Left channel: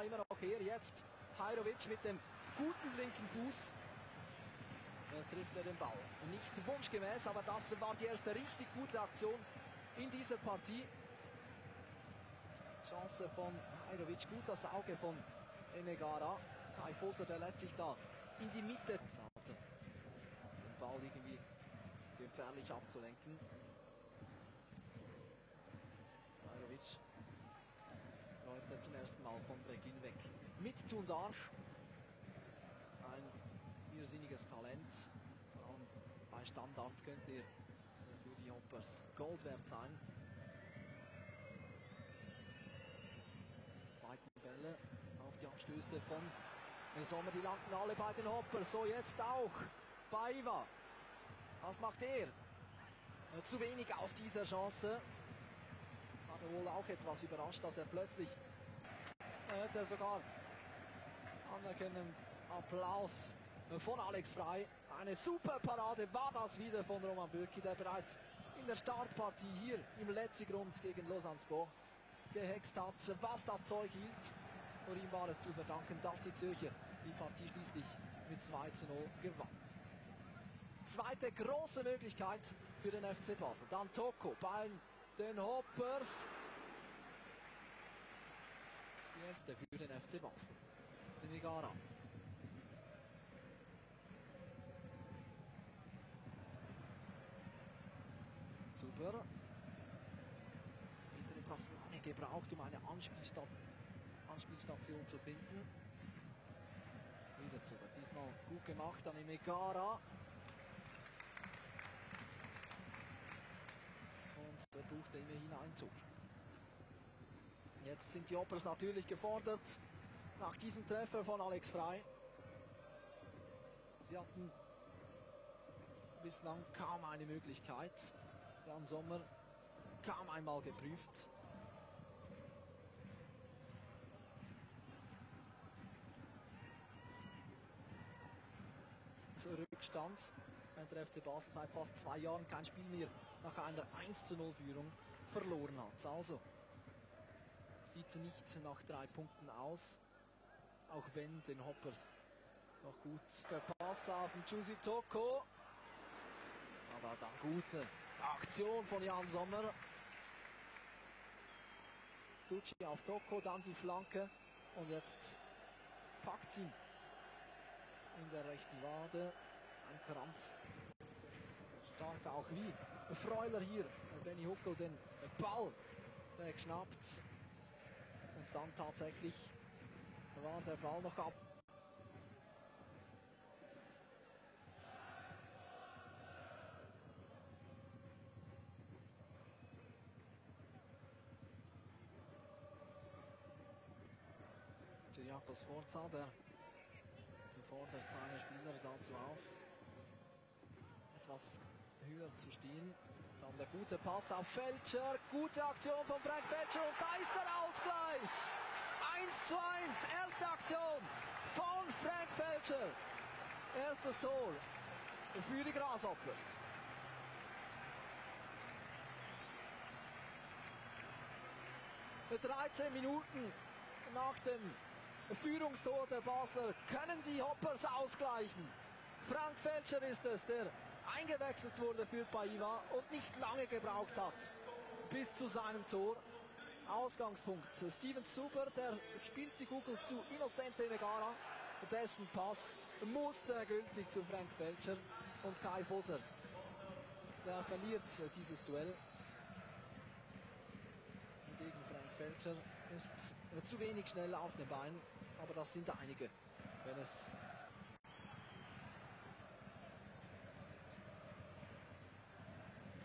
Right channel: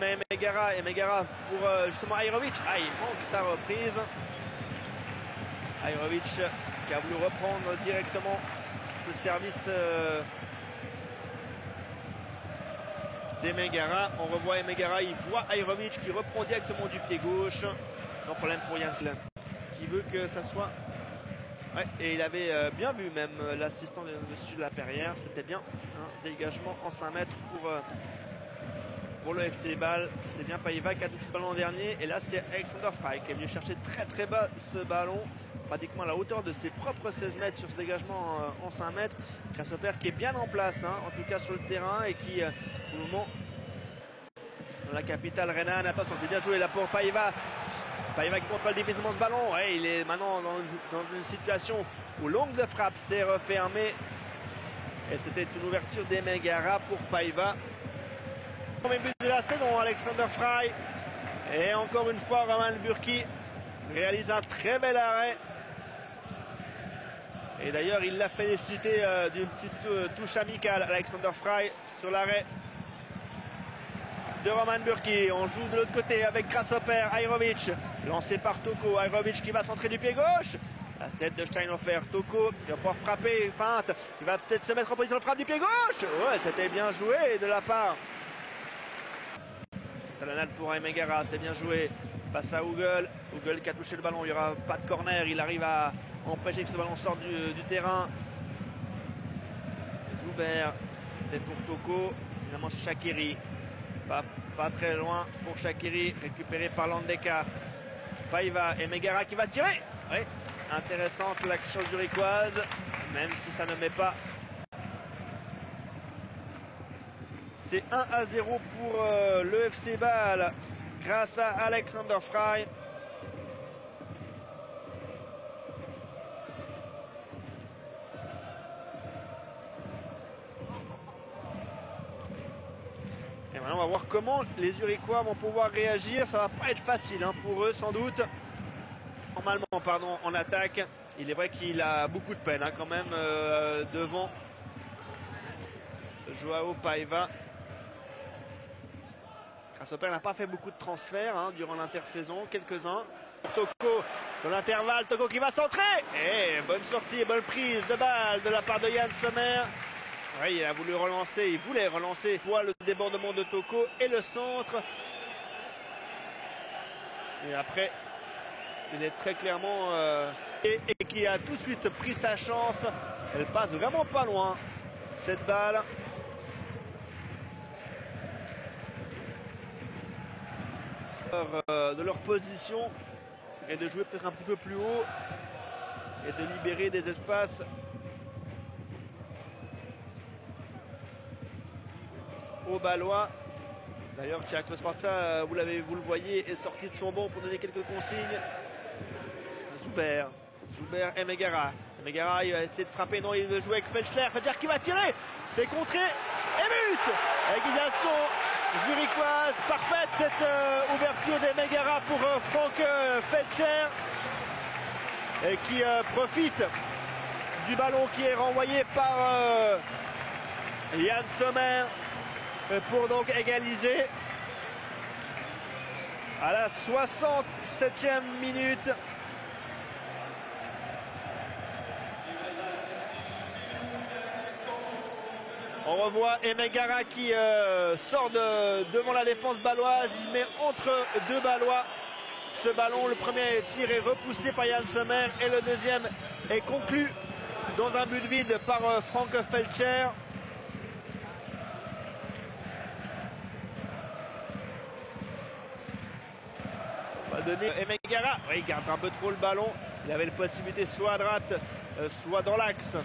Mais Megara pour justement Ajrović. Ah, il manque sa reprise. Ajrović qui a voulu reprendre directement ce service d'Emegara. On revoit Emegara, il voit Ajrović qui reprend directement du pied gauche. Sans problème pour Janssen qui veut que ça soit... Ouais, et il avait bien vu même l'assistant dessus de la Perrière. C'était bien. Un dégagement en 5 mètres pour le FC Bâle. C'est bien Paiva qui a touché le ballon dernier. Et là, c'est Alexander Frey qui est venu chercher très très bas ce ballon. Pratiquement à la hauteur de ses propres 16 mètres sur ce dégagement en 5 mètres. Grasshopper qui est bien en place, en tout cas sur le terrain. Et qui, au moment, dans la capitale rhénane. Attention, c'est bien joué là pour Paiva. Paiva qui contrôle difficilement ce ballon. Ouais, il est maintenant dans une situation où l'angle de frappe s'est refermé. Et c'était une ouverture d'Emegara pour Paiva. Premier but de la saison, Alexander Frey. Et encore une fois, Roman Bürki réalise un très bel arrêt. Et d'ailleurs, il l'a félicité d'une petite touche amicale, Alexander Frey, sur l'arrêt de Roman Bürki. On joue de l'autre côté avec Grasshopper, Ajrović, lancé par Toko. Ajrović qui va centrer du pied gauche. La tête de Steinhofer. Toko qui va pouvoir frapper, feinte. Il va peut-être se mettre en position de frappe du pied gauche. Ouais, c'était bien joué de la part. Talonnade pour Emegara, c'est bien joué. Face à Huguel. Huguel qui a touché le ballon. Il n'y aura pas de corner. Il arrive à empêcher que ce ballon sorte du terrain. Zuber, c'était pour Toko. Finalement, c'est Shaqiri. Pas très loin pour Shaqiri, récupéré par Landeka. Paiva et Megara qui va tirer. Oui, intéressante l'action zurichoise, même si ça ne met pas. C'est 1-0 pour le FC Bâle grâce à Alexander Frey. Et maintenant, on va voir comment les Zurichois vont pouvoir réagir. Ça va pas être facile pour eux, sans doute. Normalement, pardon, en attaque. Il est vrai qu'il a beaucoup de peine quand même devant Joao Paiva. Grasshopper n'a pas fait beaucoup de transferts durant l'intersaison, quelques-uns. Toko dans l'intervalle, Toko qui va centrer. Et bonne sortie et bonne prise de balle de la part de Yann Sommer. Oui, il a voulu relancer, il voulait relancer pour le débordement de Toko et le centre. Et après, il est très clairement... et qui a tout de suite pris sa chance. Elle passe vraiment pas loin, cette balle. De leur position et de jouer peut-être un petit peu plus haut et de libérer des espaces aux Bâlois. D'ailleurs, Thiago Sforza, vous le voyez, est sorti de son banc pour donner quelques consignes. Zuber et Megara. Megara, il va essayer de frapper. Non, il veut jouer avec Felcher. Felcher qui va tirer. C'est contré. Et but. Égalisation zurichoise. Parfaite cette ouverture des Megara pour Frank Felcher. Et qui profite du ballon qui est renvoyé par Yann Sommer. Pour donc égaliser à la 67e minute. On revoit Emegara qui sort devant la défense bâloise. Il met entre deux Bâlois ce ballon. Le premier tir est repoussé par Yann Sommer et le deuxième est conclu dans un but vide par Frank Felcher. Emegara, il garde un peu trop le ballon. Il avait la possibilité soit à droite, soit dans l'axe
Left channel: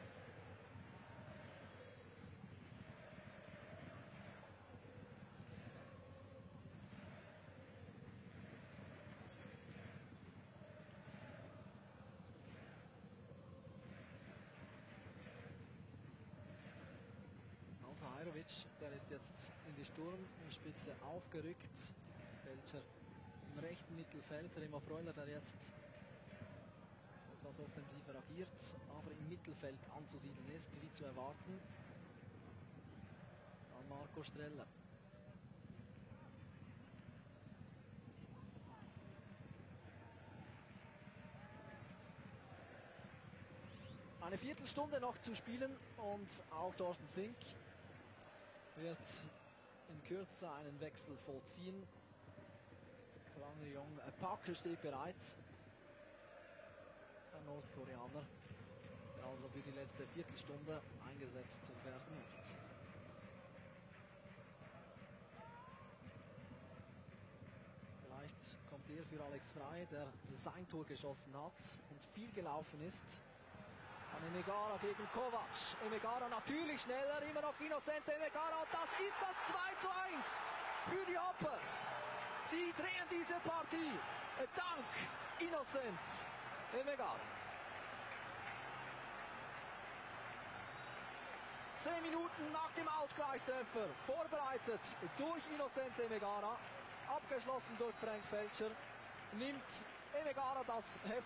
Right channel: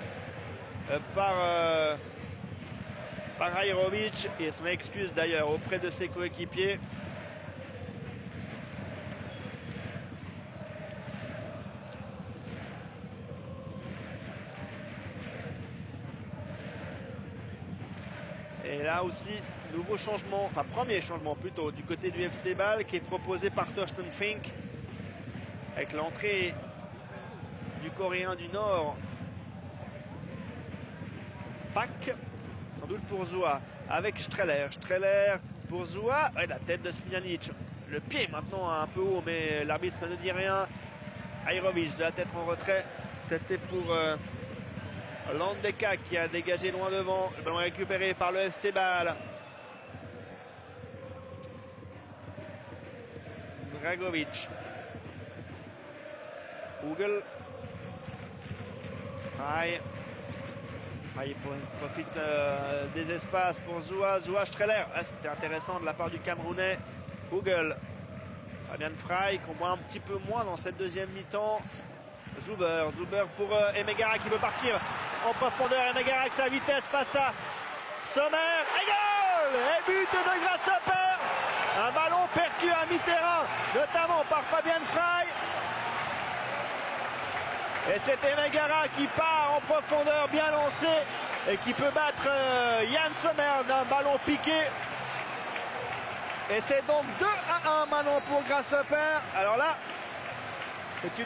par Ajrović. Et son excuse d'ailleurs auprès de ses coéquipiers. Et là aussi, nouveau changement, enfin premier changement plutôt, du côté du FC Bâle qui est proposé par Thorsten Fink. Avec l'entrée du Coréen du Nord, Pak, sans doute pour Zoua, avec Streller. Streller pour Zoua. Ouais, la tête de Smiljanic. Le pied maintenant un peu haut, mais l'arbitre ne dit rien. Ajrovic de la tête en retrait. C'était pour Landeka qui a dégagé loin devant. Le ballon récupéré par le FC Bâle. Dragovic. Google. Il profite des espaces pour Zoua. Zoua Streller. Ah, c'était intéressant de la part du Camerounais. Google. Fabian Frey qu'on voit un petit peu moins dans cette deuxième mi-temps. Zuber pour Emegara qui veut partir en profondeur. Emegara avec sa vitesse passe à Sommer. Et goal! Et but de Grasshopper. Un ballon perdu à mi-terrain, notamment par Fabian Frey. Et c'est Emegara qui part en profondeur bien lancé et qui peut battre Yann Sommer d'un ballon piqué. Et c'est donc 2-1 maintenant pour Grasshopper. Alors là, c'est une